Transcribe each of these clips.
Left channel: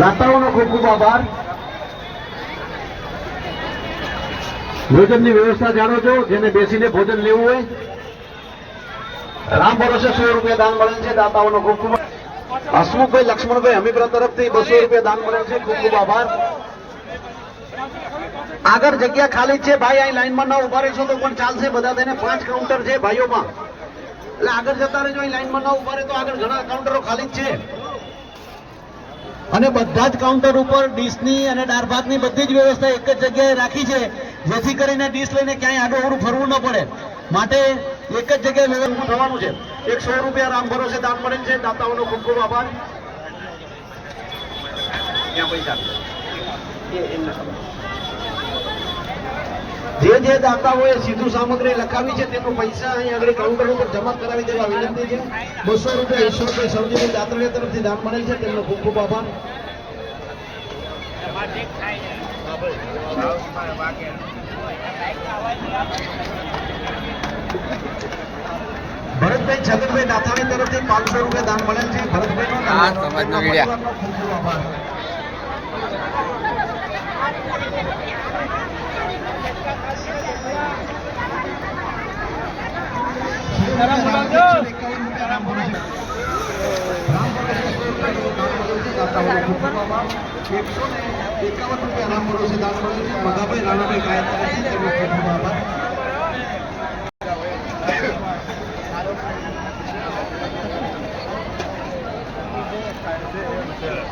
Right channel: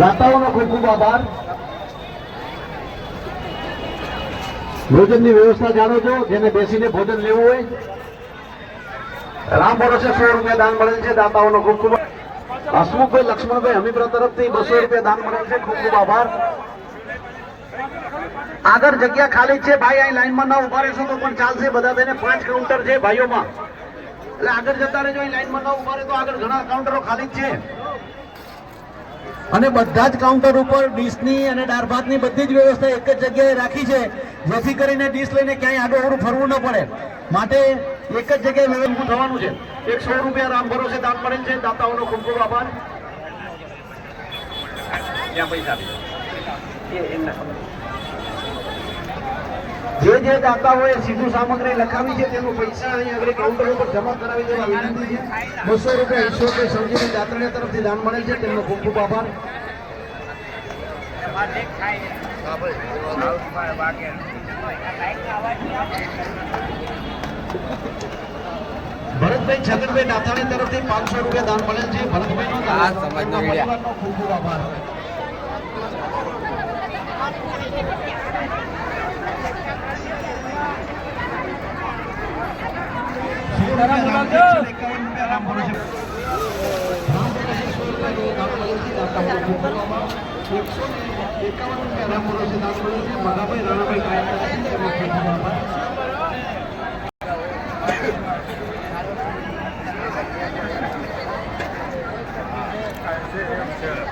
દાતાઓનો ખૂબ ખૂબ આભાર. ભોજનની વ્યવસ્થા જાણો છો, જેને બેસીને ભોજન લેવું હોય રામ ભરોસે 100 રૂપિયા દાન મળે છે. દાતાઓનો ખૂબ ખૂબ. હસમુખભાઈ લક્ષ્મણભાઈ હમીપરા તરફથી 200 રૂપિયા દાન મળે છે. ખૂબ ખૂબ આભાર. આગળ જગ્યા ખાલી છે ભાઈ, અહીં લાઈનમાં ના ઉભા રહેશો તો પણ ચાલશે. બધા તેને 5 કાઉન્ટર છે ભાઈઓમાં, એટલે આગળ જતા રહેજો. અહીં લાઈનમાં ના ઉભા રહે તો આગળ ઘણા કાઉન્ટરો ખાલી જ છે. અને બધા જ કાઉન્ટર ઉપર ડીશની અને દાળ ભાતની બધી જ વ્યવસ્થા એક જ જગ્યાએ રાખી છે, જેથી કરીને ડીશ લઈને ક્યાંય આડું ફરવું ન પડે. માટે એક જ જગ્યાએ વ્યવસ્થિત થવાનું છે. 100 રૂપિયા રામ ભરોસે દાન મળેલ છે. દાતાઓનો ખૂબ ખૂબ આભાર. જે દાતાઓએ સીધું સામગ્રી લખાવી છે તેનું પૈસા અહીં આગળ કાઉન્ટર ઉપર જમા કરાવી દેવા વિનંતી છે. 200 રૂપિયા ઈશ્વરભાઈ સૌજીભાઈ દાતરિયા તરફથી દાન મળેલ છે, તેમનો ખૂબ ખૂબ આભાર. ભરતભાઈ છગનભાઈ દાતાણી તરફથી 500 રૂપિયા દાન મળેલ છે. ભરતભાઈ સમાજનો વિડિયા.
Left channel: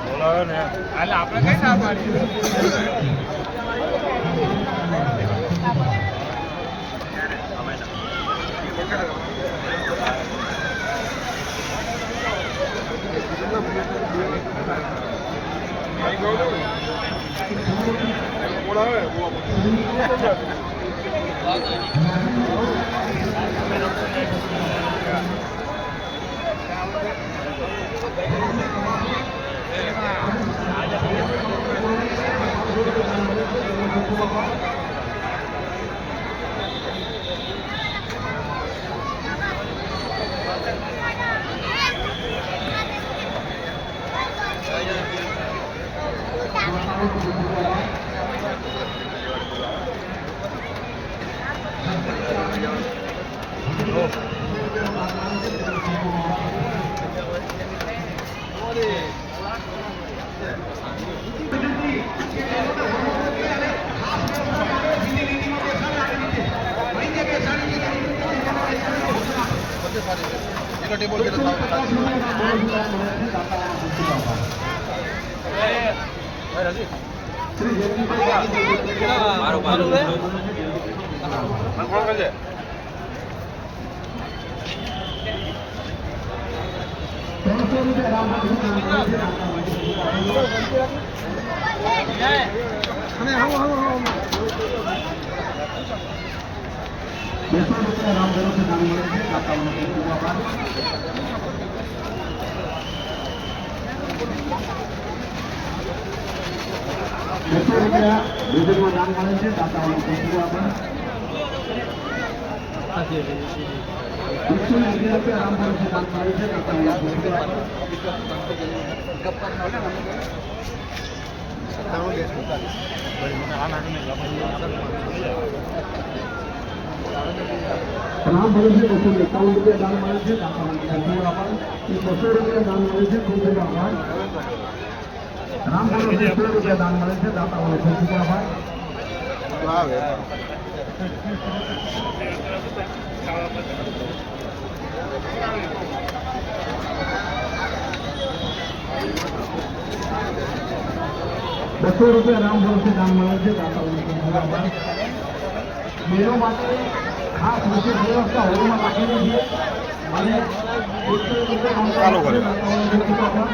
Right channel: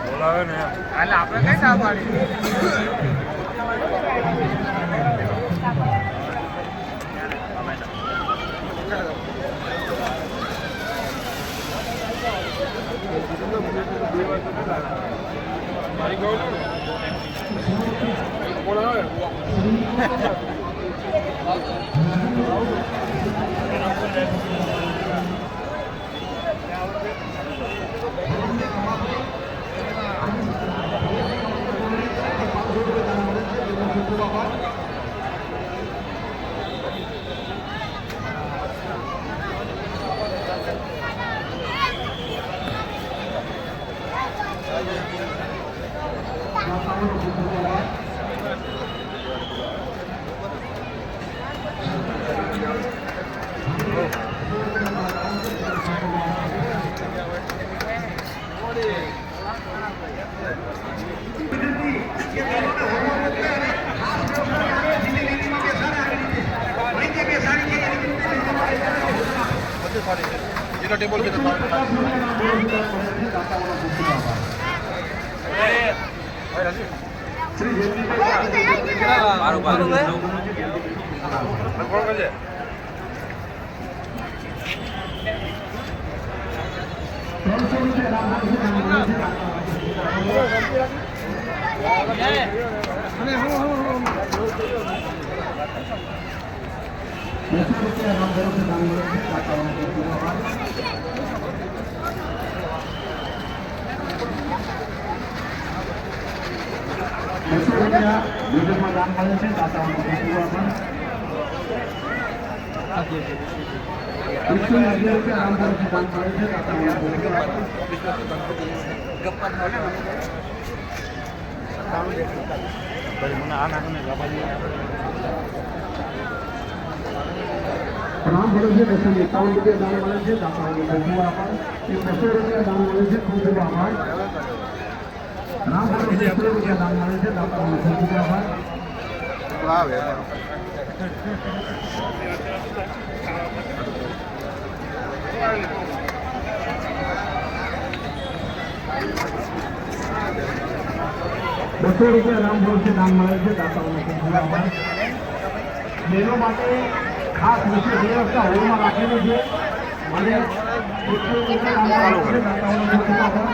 બોલાવે ને આપણે કઈ ના પાડી. टेबल पे राम भरोसे 251 रुपया दान મળે છે. ₹200 રૂપિયા દાન મળે છે. ખૂબ ખૂબ આભાર. રામ ભરોસે 100 રૂપિયા દાન મળે છે. દાતાઓને ખૂબ ખૂબ આભાર. આવે ₹200 રૂપિયા રામ ભરોસે દાન મળે છે. દાતાઓને ખૂબ ખૂબ આભાર. મેળો માટે ખાસ વિશેષ વ્યવસ્થા હોલમાં રાખેલી છે અને 100 રૂપિયા દાન મળે છે. દાતાઓને ખૂબ ખૂબ આભાર.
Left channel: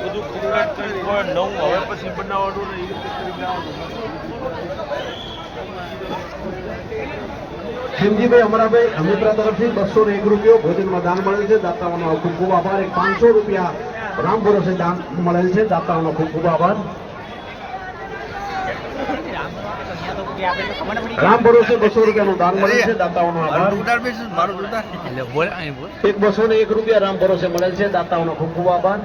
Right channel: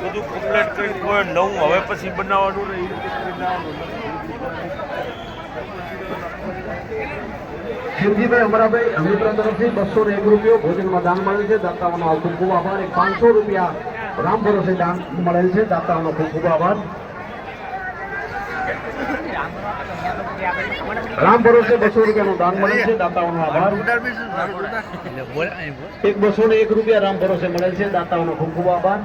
બધું કમ્પ્લીટ કરી નવું હવે પછી બનાવવાનું ને એ રીતે કરી શિવજીભાઈ અમરાભાઈ અમિત્ર તરફથી 201 રૂપિયા ભોજનમાં દાન મળેલ છે, દાતાઓનો ખૂબ ખૂબ આભાર. એક 500 રૂપિયા રામ ભરોસે દાન મળેલ છે, દાતાઓનો ખૂબ ખૂબ આભાર. રામ ભરોસે 200 રૂપિયાનું દાન મળેલ છે, દાતાઓનો આભાર. એક 201 રૂપિયા રામ ભરોસે મળેલ છે, દાતાઓનો ખૂબ ખૂબ આભાર.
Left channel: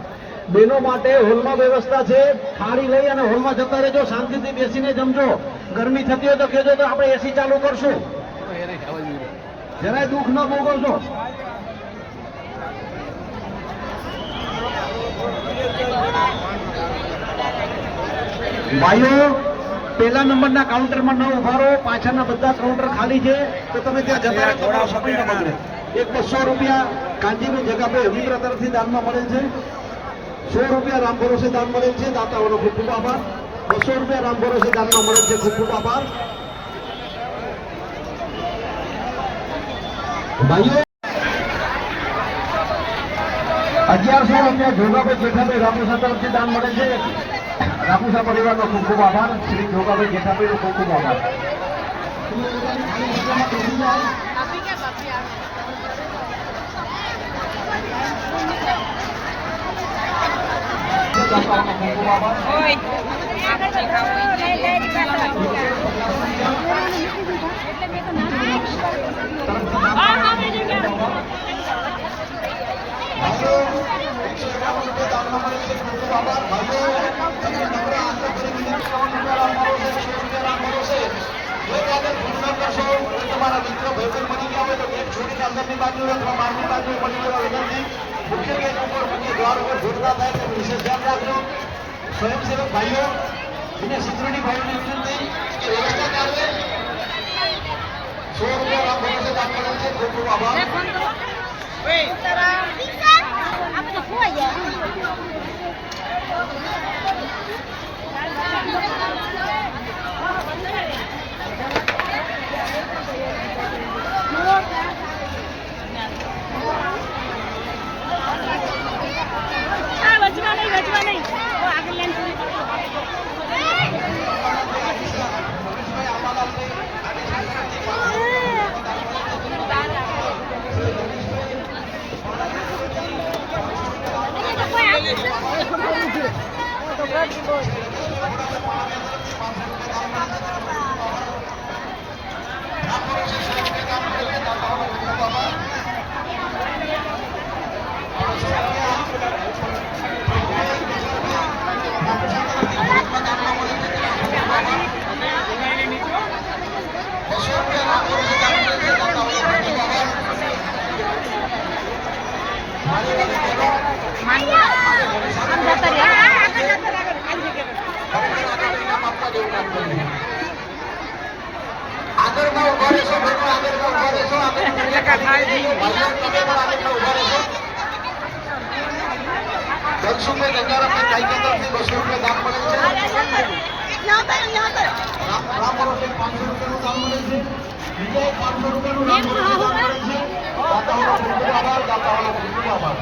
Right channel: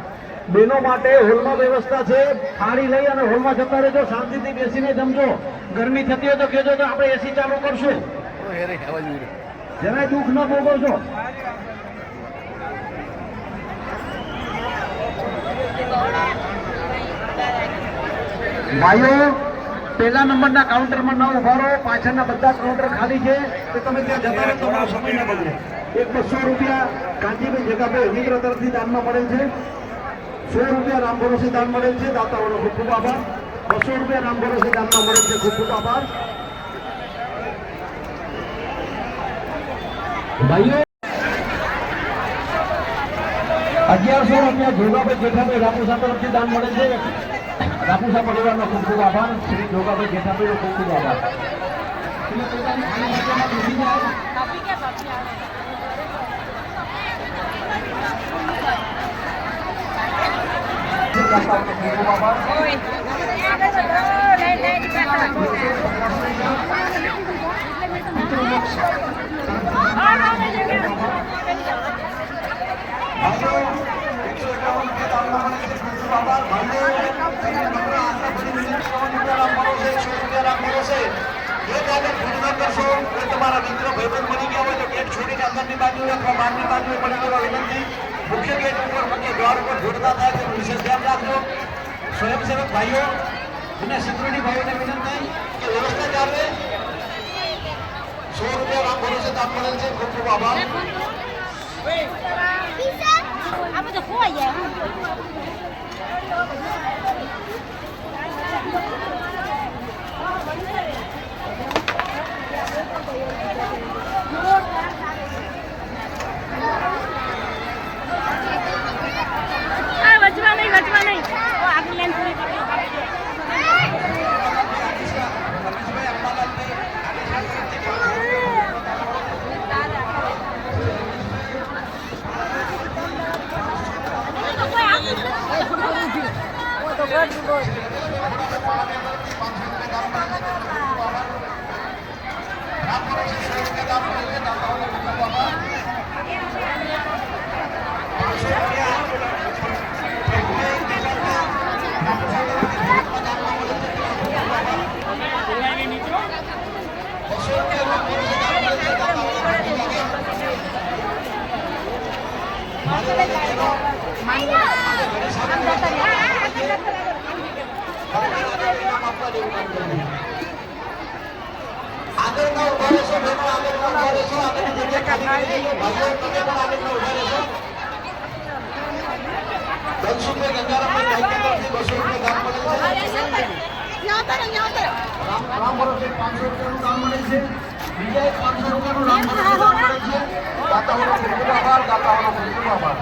બહેનો માટે હોલમાં વ્યવસ્થા છે, થાળી લઈ અને હોલમાં જતા રહેજો, શાંતિથી બેસીને જમજો. ગરમી થતી હોય તો કહેજો કે આપણે એસી ચાલુ કરશું, જરાય દુઃખ ન ભોગવજો. ભાઈઓ પહેલા નંબરના કાઉન્ટરમાં ન ઉભા રહો, પાછળના બધા કાઉન્ટર ખાલી છે તો તમે ત્યાં જતા રહો, તમારો સમય ન બગડે. એક 200 રૂપિયા કાંતિભાઈ જગાભાઈ અમિત્ર તરફથી દાનમાં મળેલ છે. 100 રૂપિયા રામ ભરોસે દાન મળેલ છે, દાતાઓનો ખૂબ ખૂબ આભાર. 200 રૂપિયા રામ ભરોસે દાનમાં મળેલ છે, ખૂબ ખૂબ આભાર. ભાઈઓ 1100 રૂપિયા જોગાભાઈ જેઠાભાઈ રાપુસા તરફથી દાન મળે છે, રાપુસા પરિવારનો ખૂબ ખૂબ આભાર. શ્રી જોગાભાઈ જેઠાભાઈનો ખૂબ ખૂબ આભાર. તમારા મિત્રો ભોજન મળી ગયા હોય તો ગેટ છોડીને અંદરની બાજુ અથવા બહારની બાજુ મળી જવા વિનંતી. મુખ્ય ગેટ ઉપર મુખ્ય દ્વાર ઉપર જોડતા થાય તો વિશેષ ધ્યાન રાખજો. સ્વયંસેવક ભાઈઓ અને સિક્યુરિટી ભાઈઓને વિનંતી કે વ્યવસ્થા જાળવે. 100 રૂપિયા રામ ભરોસે દાન મળેલ છે, ખૂબ ખૂબ આભાર. આગળના ઉભા રહેશો, બહેનો આગળના ઉભા રહેશો, આગળની જગ્યા ખાલી કરી દેજો. ભાઈઓ તમે પણ આગળના ઉભા રહેશો. ધનસુખભાઈ ગંગારામભાઈ ગાયકા તરફથી 200 રૂપિયા દાન મળે છે. રામ ભરોસે 500 રૂપિયાનું દાન મળે છે. બીજા 500 રૂપિયાનું રામ ભરોસે દાન મળે છે. દાતાઓનો ખૂબ ખૂબ આભાર, દાતાઓનો ખૂબ ખૂબ આભાર.